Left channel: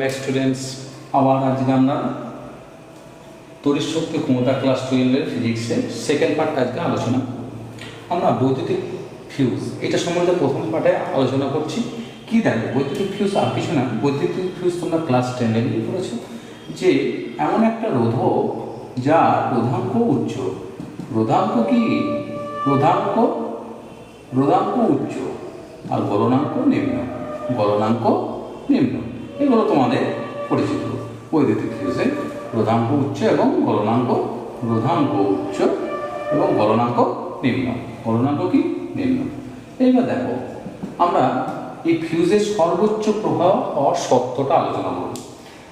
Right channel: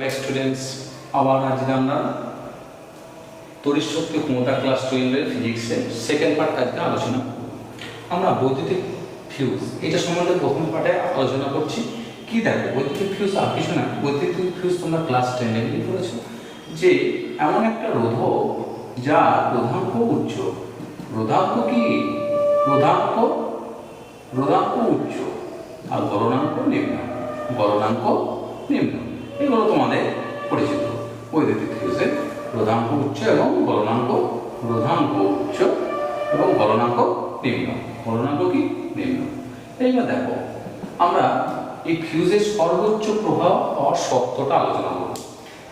Back students, আবার আজকে আমরা তড়িৎ শক্তি ক্ষমতা ক্লাস 12 এর ফিজিক্সের সেকেন্ড পার্ট আজকে আলোচনা। আমরা বৈদ্যুতিক ফিউজ এটা সম্বন্ধে প্রথম পার্টে আলোচনা করছি। কি দেখো, বৈদ্যুতিক ফিউজ আর কিছু না, বৈদ্যুতিক ফিউজ তোমরা ক্লাস 10 এ পড়েছো যে এমন একটা রোধক যা রোধাঙ্ক উচ্চ। রোধাঙ্ক কি? রোধাঙ্ক উচ্চ আর গলনাঙ্ক নিম্ন। গলনাঙ্ক নিম্ন, এগুলো তোমাদের পরিচিত। বৈদ্যুতিক ফিউজের রোধাঙ্ক উচ্চ এবং গলনাঙ্ক, রোধাঙ্ক উচ্চ এবং গলনাঙ্ক নিম্ন। গলনাঙ্ক কি? নিম্ন। এইবার দেখো, আমরা এই ফিউজের সর্বোচ্চ প্রভাব হওয়ার শর্তটা আলোচনা করব।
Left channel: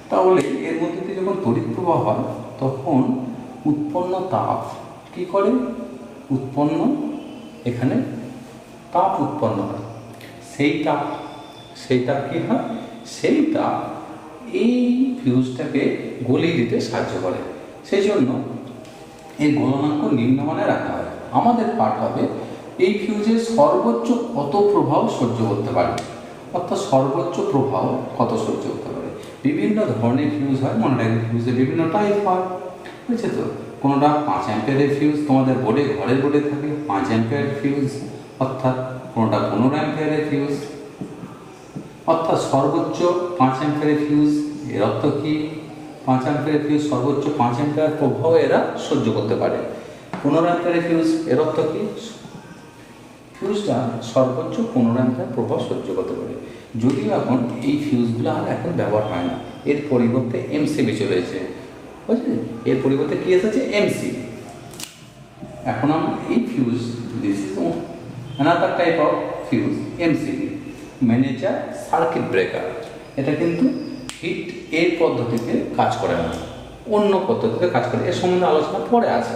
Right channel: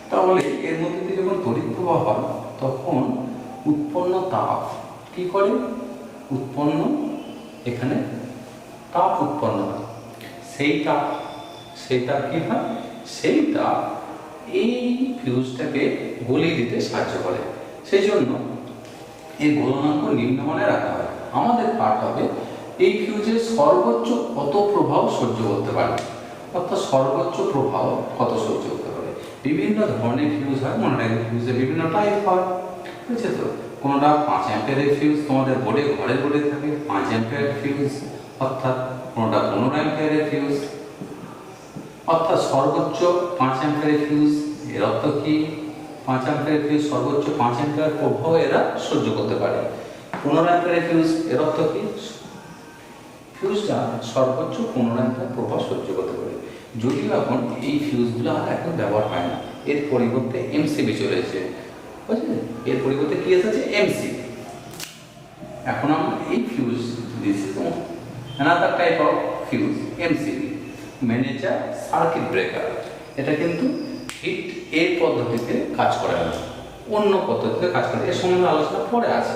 তাহলে এর মধ্যে দিয়ে যখন তড়িৎ প্রবাহ হয় তখন উৎপন্ন তাপ কি করে? এখানে তাপ উৎপন্ন হয়। সেই তাপ কি হয়? সেই তাপ এই ফিউজটাকে গলিয়ে দিতে সাহায্য করে। সেই জন্য এই গলনাঙ্ক নিম্নমানে রাখা হয়। আমাদের পাঠ হবে এই ফিউজের সর্বোচ্চ কত প্রভাব সহ্য করতে পারে, অর্থাৎ সর্বোচ্চ প্রভাব কত সহ্য করতে পারে। বিভিন্ন ধরনের ফিউজ হয়, মনে রাখবে ফিউজের বিভিন্ন টাইপ হয়, বুঝছে তো? কোনোটা 5 অ্যাম্পিয়ারের ফিউজ, তোমাদের ঘরের বোর্ডে থাকে 5 অ্যাম্পিয়ারের ফিউজ, অর্থাৎ কোনোটা 15 অ্যাম্পিয়ারের ফিউজ, অর্থাৎ সর্বোচ্চ 5 অ্যাম্পিয়ারের ফিউজ। এর অর্থ কি? 5 অ্যাম্পিয়ারের ফিউজ সর্বোচ্চ 5 অ্যাম্পিয়ার প্রভাব এরা সহ্য করতে পারে। 15 অ্যাম্পিয়ারের ফিউজ, এর অর্থ কি? ফিউজটা সর্বোচ্চ 15 অ্যাম্পিয়ার প্রভাব সহ্য করতে পারে। যদিও এখন এই ফিউজগুলো আর এখন ব্যবহার হয় না, এর পরিবর্তে এমসিবি চলেছে, বুঝলি? এর পরিবর্তে কি এসেছে? এমসিবি। এখন আমরা এই ফিউজ দিচ্ছি another type of fuse, MCB, manager circuit breaker. এটা কিন্তু হিট এর পদ্ধতিতে কাজ করে না, অন্য পদ্ধতিতে কাজ করে। এর সম্বন্ধে আলোচনা পরে আছে।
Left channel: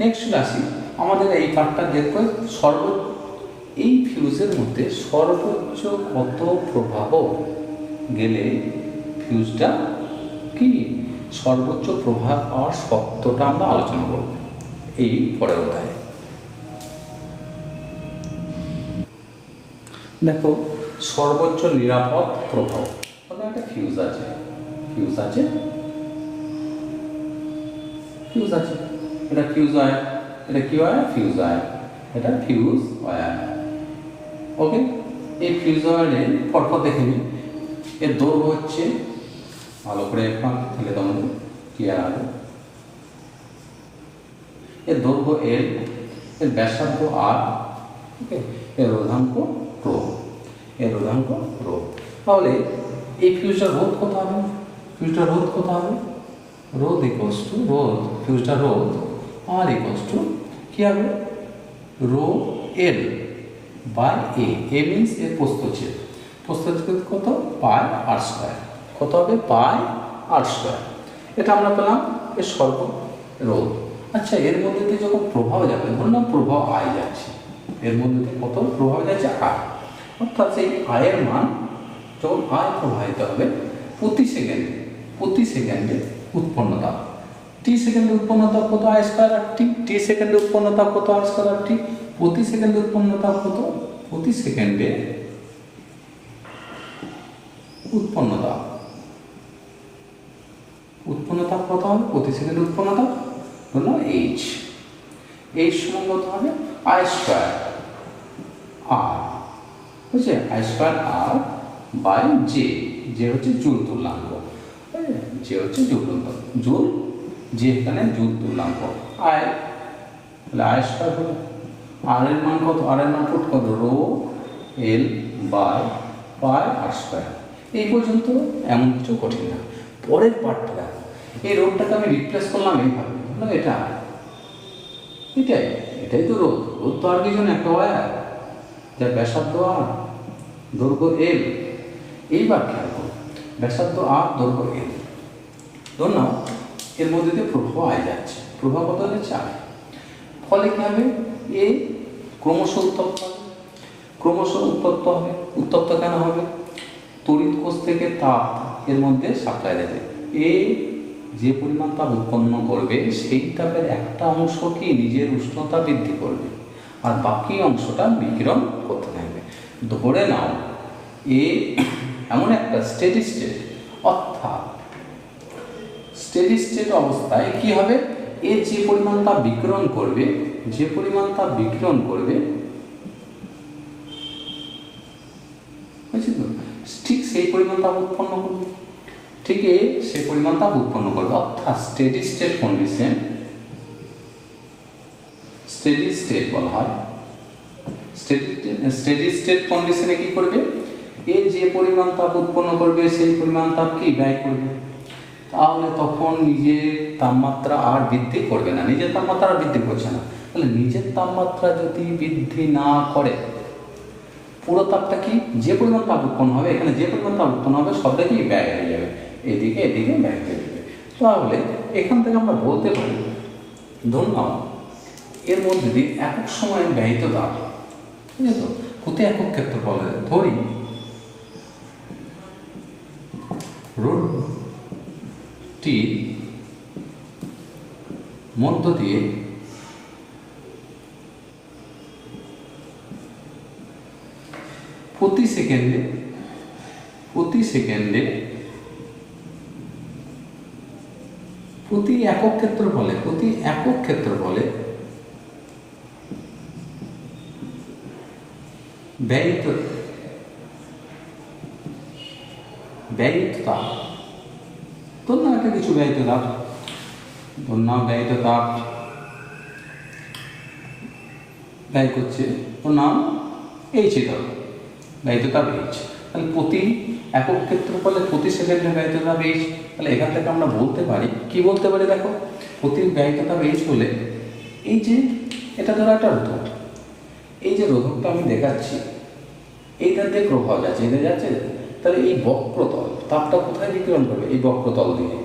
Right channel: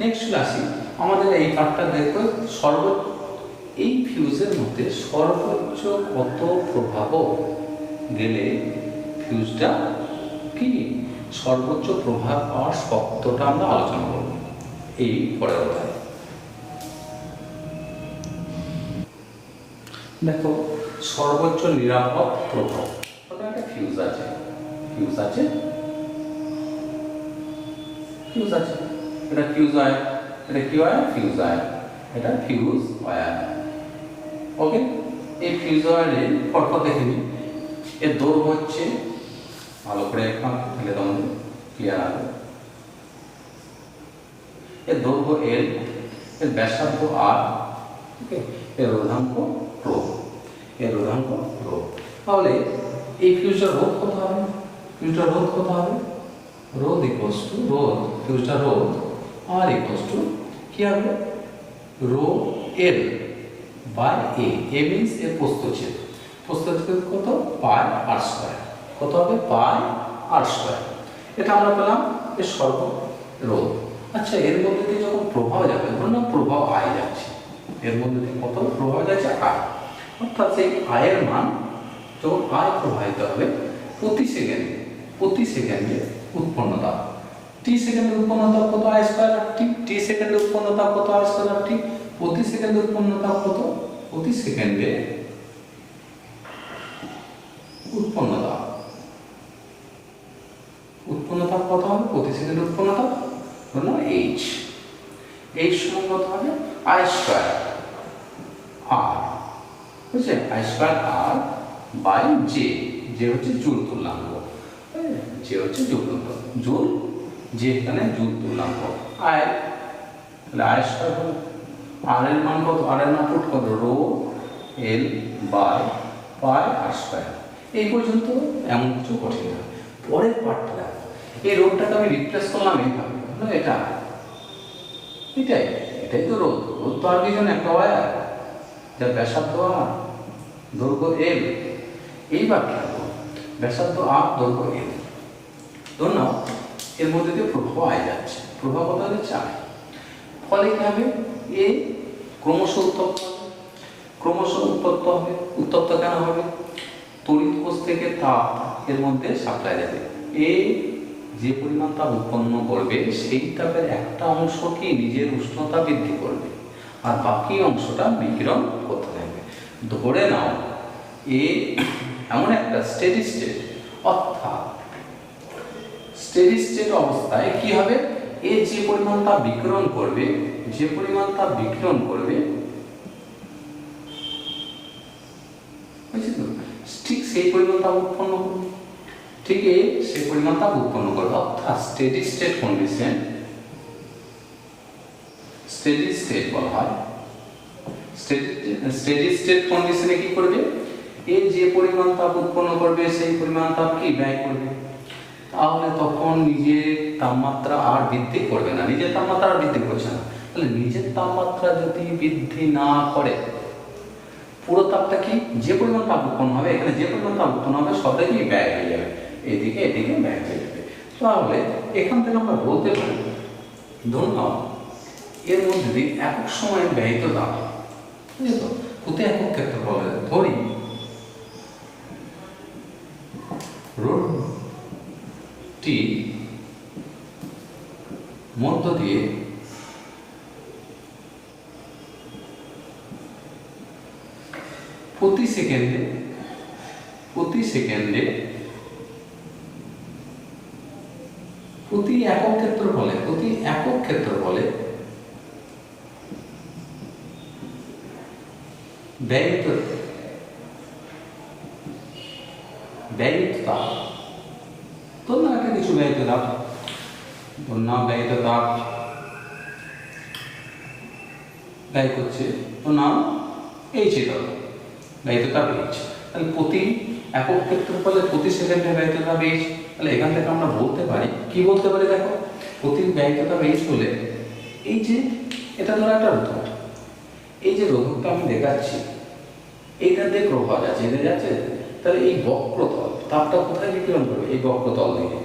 নেক্সট আসি, আমাদের এই পার্টটা দেখবো এই ফিউজের মধ্যে সর্বোচ্চ কত প্রভাব গেলে ফিউজটা কি সর্বোচ্চ প্রভাব পাওয়ার শর্তটা আমরা আলোচনা করব এই পরের অধ্যায়ে। দেখো, সর্বোচ্চ নিরাপদ প্রভাব। একটা ফিউজ আছে, এটা ফিউজ ওয়্যার। এটা কি ওয়্যার? Fuse wire. এটা ফিউজ ওয়্যার। ওকে, এই ফিউজ ওয়্যারের পরপর দেখে নিই। এর দৈর্ঘ্য হচ্ছে, ভালো করে এখন তাহলে তোমাদের ক্লিয়ার হবে। এর দৈর্ঘ্য এল, এর ব্যাসার্ধ আর, ওকে, এর রোধাঙ্ক রো। তাহলে এই ফিউজটার রোধ কত হবে? রোধ ইকুয়ালস টু ফিউজটার রোধ আর ইকুয়ালস টু কি হবে? Rho l by a means এর প্রস্থচ্ছেদ কত? Pi r square. কত হবে? Pi r square. এটা আমরা পেলাম এর সর্ব রোধ। আচ্ছা, এর মধ্যে দিয়ে যখন প্রভাব যাবে, বললাম প্রভাব আই যাচ্ছে, এর মধ্যে দিয়ে কত প্রভাব যাচ্ছে? আই। অর্থাৎ সেই আয়ের মান যখন আয় প্রবাহিত হবে প্রতি সেকেন্ডে উৎপন্ন তাপ, টি সেকেন্ডে উৎপন্ন তাপ কত? আই স্কয়ার আর টি। টি সেকেন্ডে উৎপন্ন তাপ কত? আই স্কয়ার আর টি। প্রতি সেকেন্ডে উৎপন্ন তাপ কত? প্রতি সেকেন্ডে উৎপন্ন তাপ কত হবে? প্রতি সেকেন্ডে উৎপন্ন তাপ হলো এইচ সমান কত হবে? আই স্কয়ার আর, বুঝছে? I square R by J হচ্ছে জুল তুল্যাঙ্ক, জুল, যে এখানে জুল তুল্যাঙ্ক। আই, তাহলে আই স্কয়ার হলো আর এর মান কত? আর এর মান কত? Rho l by pi r square. এই পর্যন্ত এমন কিছু কঠিন না। পরের পার্টটা, এই রোধটাকে আমি রিপ্লেস করলাম এইভাবে, এটাই তো রোধ তো আর কিছু না, একটা ওয়্যার যার ব্যাসার্ধ আর, দৈর্ঘ্য এল। এইবার খেয়াল, ব্যাসার্ধ আর, দৈর্ঘ্য এল। ধরুন এর মধ্যে দিয়ে প্রভাব আই যাচ্ছে, প্রভাব কত হচ্ছে? আই। ফলে কি হবে? এ ক্রমশ উত্তপ্ত কেন হবে? তড়িৎ কোষ থেকে তাপ এর মধ্যে সাপ্লাই দেবে। এ যে পরিমাণ তাপ উৎপন্ন করবে সেই তাপের একটা অংশ কি নিজের উষ্ণতা বৃদ্ধি করবে আর বাকি অংশটা বিকিরণ করতে থাকবে। ধরে নাও এ এমন একটা স্টেডি স্টেট অর্থাৎ স্টেডি স্টেট অবস্থায় কি হবে, এ যে পরিমাণ তাপ বিকিরণ করবে, যে পরিমাণ তাপ বিকিরণ করবে, ঠিক সেই পরিমাণ তাপ উৎপন্ন করবে, ঠিক সেই পরিমাণ তাপ উৎপন্ন করবে। অর্থাৎ steady state condition, steady state বলা হয়। স্টেডি স্টেট কন্ডিশনে কি করবে, এ যে পরিমাণ তাপ উৎপন্ন করবে সেই পরিমাণ তাপ কি ব্যয় করবে। তাহলে তখন নিজের তাপমাত্রা আর বৃদ্ধি করবে না, নিজের তাপমাত্রা আর বৃদ্ধি করছে না। তাহলে নিজের তাপমাত্রা যদি বৃদ্ধি না করে, পুরো তাপটা কি, যে পরিমাণ তাপ উৎপন্ন হবে, এখানে যে পরিমাণ তাপ উৎপন্ন হবে সবটা কি ব্যয় হয়ে যাবে, এদিকে এদিকে ব্যয় হয়ে যাবে। তাহলে এখান থেকে আমরা বলতে পারি, ধরুন এর মধ্যে দিয়ে একক সময় ব্যয়িত তাপ, ঠিক আছে, প্রতি একক ক্ষেত্রফল ধরি রোডটি মধ্য দিয়ে প্রতি সেকেন্ডে প্রতি একক ক্ষেত্রফলে ব্যয়িত তাপ, ধরুন একটা কিছু ব্যয়িত তাপ, ব্যয় করছে, তো নাম এইচ, এটা ব্যয়িত তাপ এইচ। তাহলে প্রতি একক ক্ষেত্রফলে প্রতি সেকেন্ডে ব্যয়িত তাপ এইচ। তাহলে এখান থেকে আমরা বলতে পারি, কি বলতে পারি, দেখো প্রতি ব্যয়িত তাপ এইচ বলে, এই যে এটা ধরো একটা রোধক, এই যে রোধকটা আমি দেখাচ্ছি, এইটার দিয়ে প্রভাব আছে, এদের যাচ্ছে। তাহলে এই বক্রতল তাপটা কোথায় বিকিরণ করবে, এই বক্রতল দিকে,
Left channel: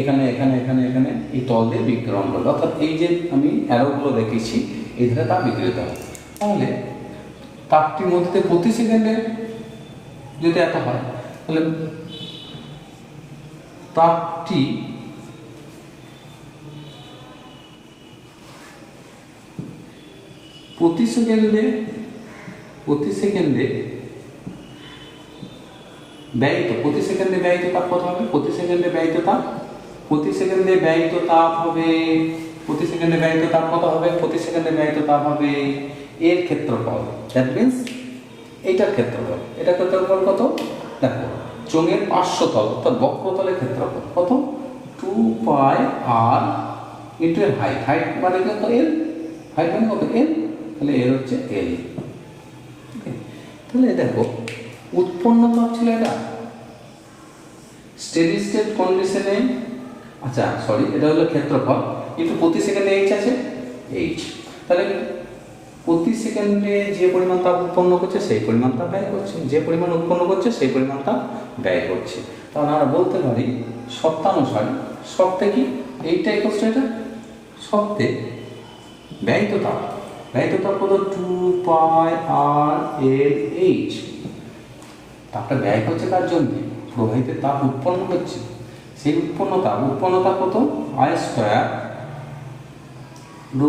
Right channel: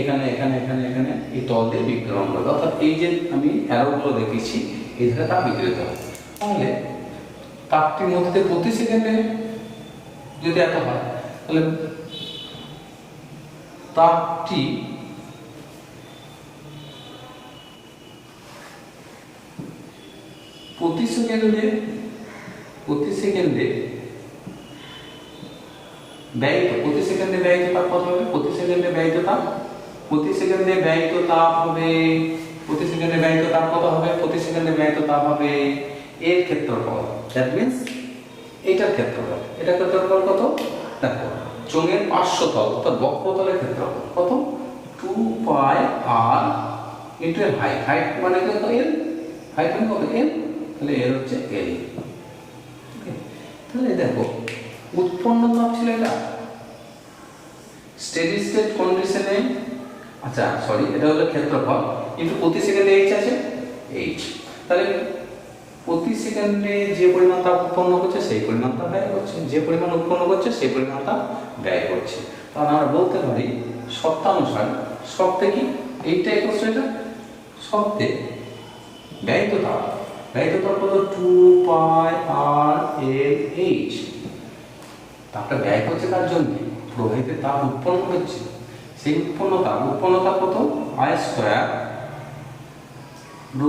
এখানে এখানে এখানে এখানে এই তল দিয়ে বিকিরণ করবে। অর্থাৎ এই যে আমি অ্যারোগুলো দেখেছি, এই ধারে তাপ বিকিরিত হবে। তাহলে তাপটির মধ্যে প্রতি সেকেন্ডে যদি এত হয়, তাহলে তাপটি প্রতি সেকেন্ডে ব্যয়িত তাপ কত হবে, প্রতি সেকেন্ডে ব্যয়িত তাপ হবে, প্রতি সেকেন্ডে ব্যয়িত তাপ কত হবে, প্রতি সেকেন্ডে ব্যয়িত তাপ হবে এর ক্ষেত্রফল, দ্যাট মিনস এইটার ক্ষেত্রফল, এটার ক্ষেত্রফল কত, দেখো চোঙের পার্শ্বতল অর্থাৎ বক্রতলের ক্ষেত্রফল কত, 2πr ইন্টু এর হাইট মানে কত, এল, হাইট মানে কত, এল, তাহলে এর হচ্ছে এল। তাহলে দেখো উৎপন্ন তাপ ছিল এটা স্টেডি স্টেট কন্ডিশনে, আচ্ছা সরি, এটা হলো ক্ষেত্রফল, কিন্তু প্রতি সেকেন্ডে এইচ আছে, এইচ। তাহলে প্রতি সেকেন্ডে যে পরিমাণ তাপ উৎপন্ন করছে সেই পরিমাণ তাপ ব্যয় করছে, যে পরিমাণ উৎপন্ন করছে সেই পরিমাণ তাপ ব্যয় করছে। তাহলে আমরা বলতে পারি শর্তানুসারে, শর্তে কি এইটা ইকুয়াল এটা, শর্তে ব্যয়িত তাপ হলো 2πr/L/H। তাপটা ব্যয় করছে তার জন্য, প্রবাহিত তাপ উৎপন্ন হচ্ছে, সেই উৎপন্ন তাপ কত, I² ρ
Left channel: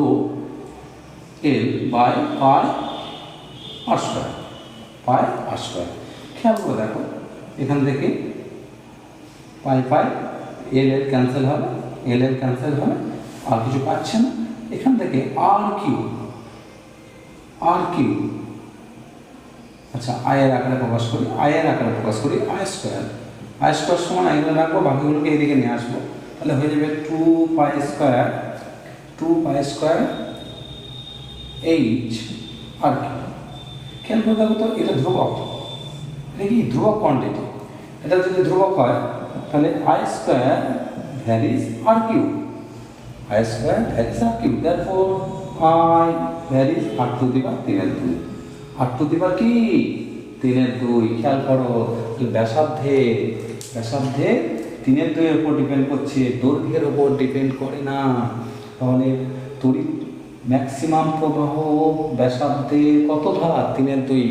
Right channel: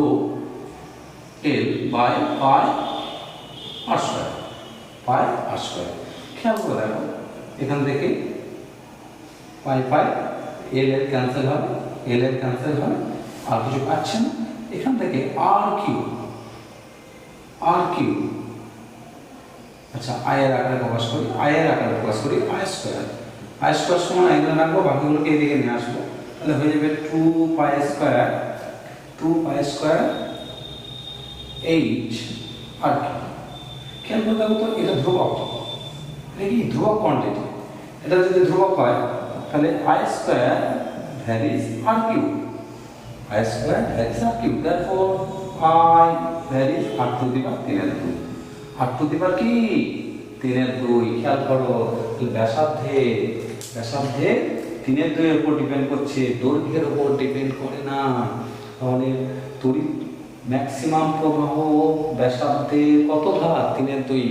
L/πr²। খেয়াল করে দেখো, এখান থেকে পাই এল এর ক্যান্সেল হবে, আর কিছু পাচ্ছে না, এখান থেকে আর কিউ, আচ্ছা আই এর আকারে প্রকাশ করি, I² সমান আই ধরে রাখবো, বাকিগুলোকে এদিকে নিয়ে আসবো, তাহলে হয়ে যাবে 2π² এইচ আর খেয়াল করে দেখো তো, এটা ধ্রুবক, নাকি ধ্রুবক কোয়ান্টিটি, এটা যদি ধ্রুবক হয় তাহলে I² varies r cube, therefore I varies r⁻3/2, r⁻, কি 3/2, খেয়াল করো ব্যাসার্ধে 3/2 এর উপর ডিপেন্ড করছে, দৈর্ঘ্যের উপর ডিপেন্ড করে না। তাহলে তড়িৎ ম্যাক্সিমাম প্রবাহ ব্যাসার্ধে কত ধার, 3/2,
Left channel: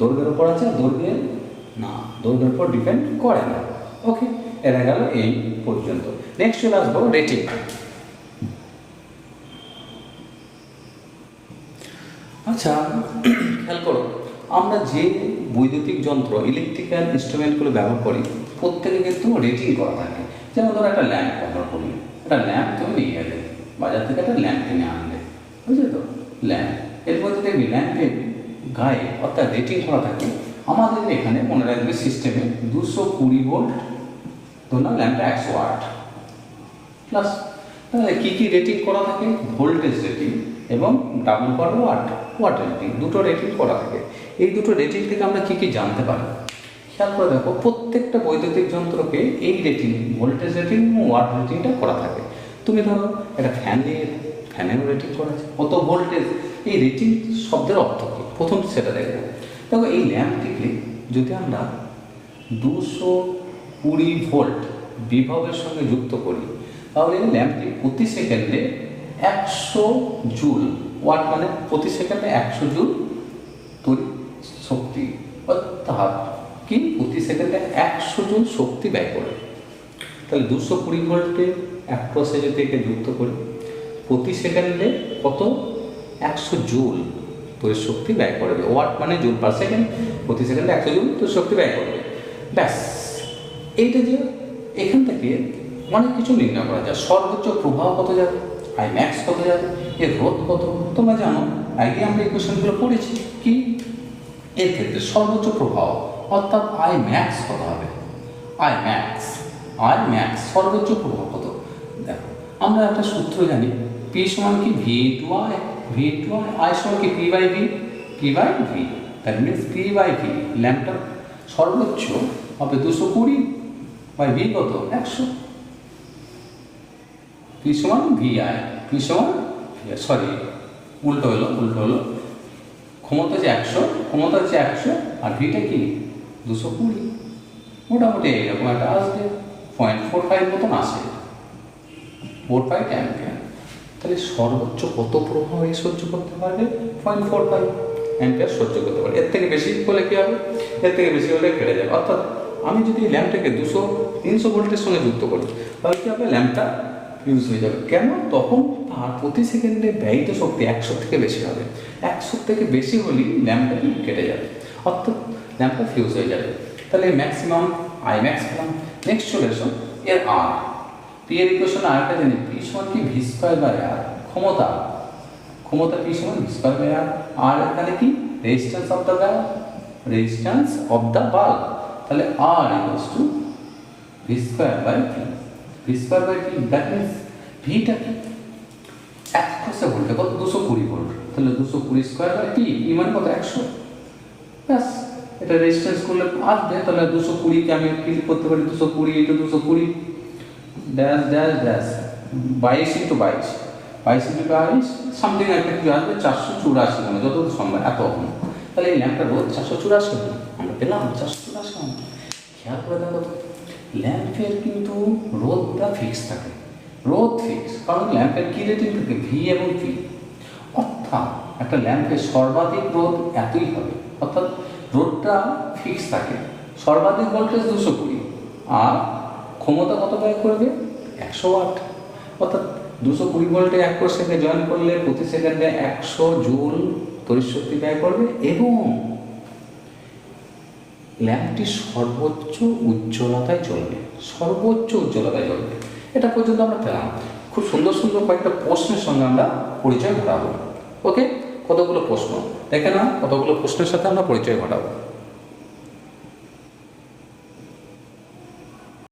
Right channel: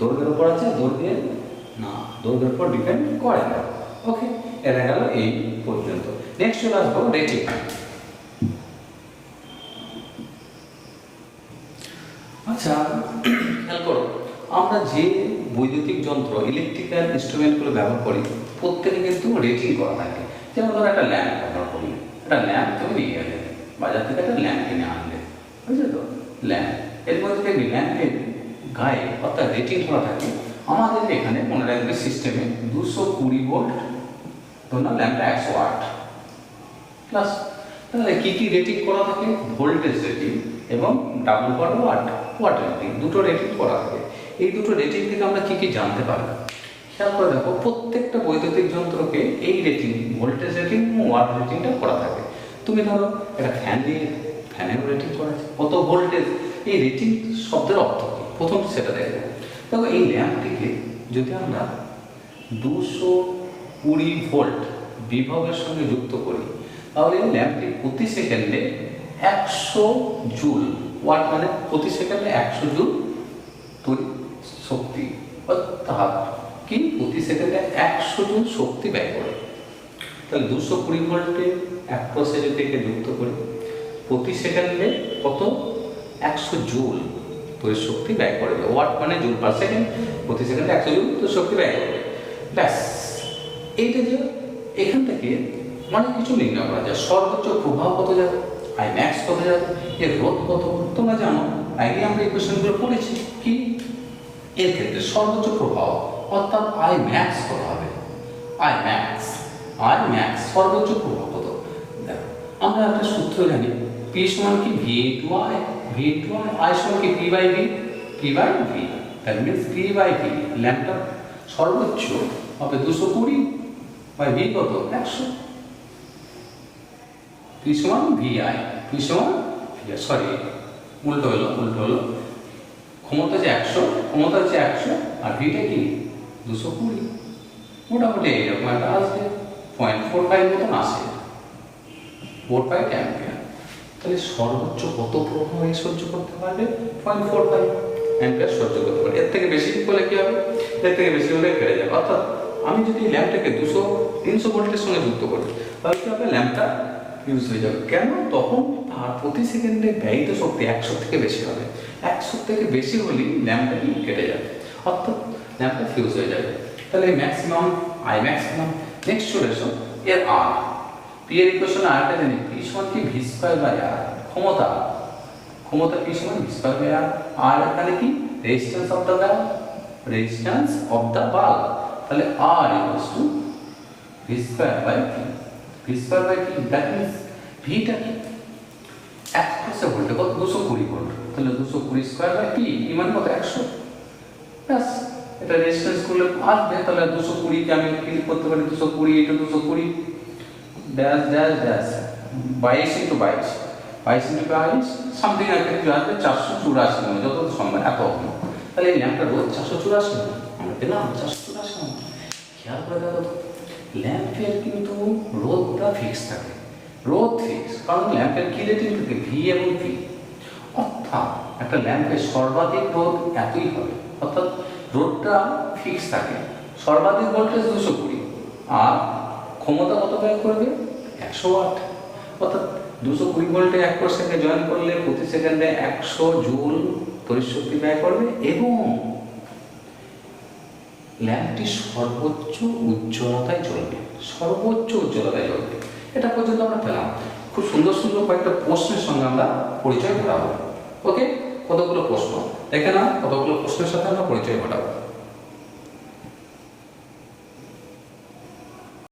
দৈর্ঘ্যের উপর আছে, দৈর্ঘ্যের উপর ডিপেন্ড করে না। ওকে, এটা গেল এই পর্যন্ত। নেক্সট চলে আসবো রেটিং। আচ্ছা খেয়াল করো, আমরা যে বৈদ্যুতিক যন্ত্র ইলেকট্রিক্যাল ইনস্ট্রুমেন্টগুলো ব্যবহার করি প্রত্যেকে কিন্তু রেটিং করা থাকে। যেমন ধরো একটা ল্যাম্প ব্যবহার করলে, একটা ল্যাম্প তুমি নিয়ে গেলে বাজার থেকে, একটা ল্যাম্প কিনে আনলে, বুঝলে তো, ল্যাম্প, এর মধ্যে দেখবি ল্যাম্পের গায়ে অর্থাৎ রেটিং করা থাকে। আমাদের এখানে মনে রাখবে সিস্টেমে 220 ভোল্ট, ধরুন ল্যাম্পটা 100 ওয়াট প্লাস, তাহলে কী কী রেটিং করা থাকে? ভোল্টেজ রেটিং এবং ডাবল পার ওয়াট রেটিং, দুটো রেটিং করা থাকে। এই দুটো রেটিং থেকে আমরা কী কী জানতে পারবো? খেয়াল করে দেখো, প্রত্যেকটা বৈদ্যুতিক যন্ত্রকে এই রেটিং, ভোল্টেজ রেটিং এবং ওয়াট রেটিংটা করা থাকে। তুমি ধরো একটা ফ্যান নিয়ে, ফ্যানেরও রেটিং করা আছে, কত ভোল্টেজ। এই রেটিং শব্দের অর্থ কী প্রথম সেটা দেখে দেখো। এই ল্যাম্পটিকে যদি আমরা 220 ভোল্ট বিভবের সঙ্গে যুক্ত করি, তাহলে এই ল্যাম্পটি প্রতি সেকেন্ডে 100 জুল, ওয়াট মানে প্রতি সেকেন্ডে 100 জুল তড়িৎ শক্তি, অর্থাৎ কি প্রতি সেকেন্ডে 100 জুল শক্তি ব্যয় করে। তাহলে 220 ভোল্টে 1% থেকে যুক্ত করি, প্রতি সেকেন্ডে কত? 100 জুল তড়িৎ শক্তি ব্যয় করবে। ওয়াট মানে জুল পার সেকেন্ড, প্রতি সেকেন্ডে 100 জুল তড়িৎ শক্তি ব্যয় করবে। ব্যাস, এইটা যে এখান থেকে অনেক কিছু নির্ণয় করা যায়। সর্বোচ্চ প্রভাব কত যাবে, আই ম্যাক্স কত যাবে, এর রোধ কত, তোমরা জানো, আগে আমরা এই কোশ্চেনগুলো পড়েছি। কি এর ক্ষেত্রে সর্বোচ্চ প্রভাব অর্থাৎ আই ম্যাক্স কত হবে? আই ম্যাক্স সর্বোচ্চ প্রভাব কত? দেখো, আমরা একটা সূত্র জানি, পি সমান কি V into I, V into I সমান কি P by V, that means P by V. ল্যাম্পটা সর্বোচ্চ হবে 220 বাই ভি কত? 100। পি সমান ভি আই, পি সমান সরি উল্টো হলো, ক্ষমতা যে 100, ক্ষমতা হচ্ছে 100 আর ভিটা কি 220, মোটামুটি এইরকম একটা আসবে, 0.45 মতন আসে, 45 অ্যাম্পিয়ার। তাহলে সর্বোচ্চ কত প্রভাব এই সহ্য করতে পারবে? 0.45 অ্যাম্পিয়ার সহ্য করতে পারবে। এর থেকে বেশি হলে কি হবে? এর থেকে বেশি হলে কেটে যাবে। অর্থাৎ আমি যদি ল্যাম্পটাকে 200-300 ভোল্টের সঙ্গে যুক্ত করি, তাহলে কি হবে? ল্যাম্পটা ইউজ হয়ে যাবে। কেন? তখন তার প্রতি সেকেন্ডে ব্যয়িত শক্তি 100 থেকে বেশি হবে। 100 থেকে বেশি হলেই ল্যাম্পটা কেটে যাবে, অর্থাৎ ল্যাম্পটা ফিউজ হয়ে যাবে। তাহলে ম্যাক্সিমাম, আই ম্যাক্সিমাম। নেক্সট চলে এসো এর আর, পি এর ইকুয়েশন আরটা জানি, পি সমান কি ভি স্কয়ার বাই আর, ক্ষমতা পি সমান ভি স্কয়ার বাই আর। আর এখানে কি রেজিস্ট্যান্স অফ দ্য বাল্ব, তাহলে R equals to V square by P, that means ভিটা কি 100 ভোল্টে কত? 220 ভোল্ট, তাহলে 220 স্কয়ার বাই পি, ই মানে কত? 100। ব্যাস, এটা রেজিস্ট্যান্স করলে আসবে। তাহলে 220 কে আমি ক্লিক করতে পারি, 220 into 220 dash dash dash 22 into 22 into 22 something একটা কিছু আসবে, 484 মানে যত সম্ভব এত। তাহলে এই ল্যাম্পটার রোধ 484, আমরা পেলাম 484। খেয়াল করে দেখো, ল্যাম্পের কিন্তু রোধটা ফিক্স থাকে, কারণ ল্যাম্পের কি রেটিং থাকে? ভি এবং পি। অর্থাৎ একটা ল্যাম্পের সর্বাধিক রোধ এতই হবে, অর্থাৎ রোধটা ফিক্স থাকে। সর্বাধিক ভোল্টেজ 220 আর ক্ষমতা কত ব্যয় করবে? 100 ওয়াট। অর্থাৎ 220 ভোল্টে 1% জয়েন করলে প্রতি সেকেন্ডে 100 জুল তড়িৎ শক্তি ব্যয় করবে এবং ল্যাম্পটি সর্বোচ্চ উজ্জ্বলতায় জ্বলবে। এটা পর্যন্ত আমরা পেলাম। খুব সুন্দর কয়েকটা প্রশ্নের সঙ্গে আমরা পরিচয় ঘটাবো। ওকে, কতগুলো প্রশ্ন দেখে না, কতগুলো প্রশ্নের সাথে আমরা পরিচয় ঘটাবো।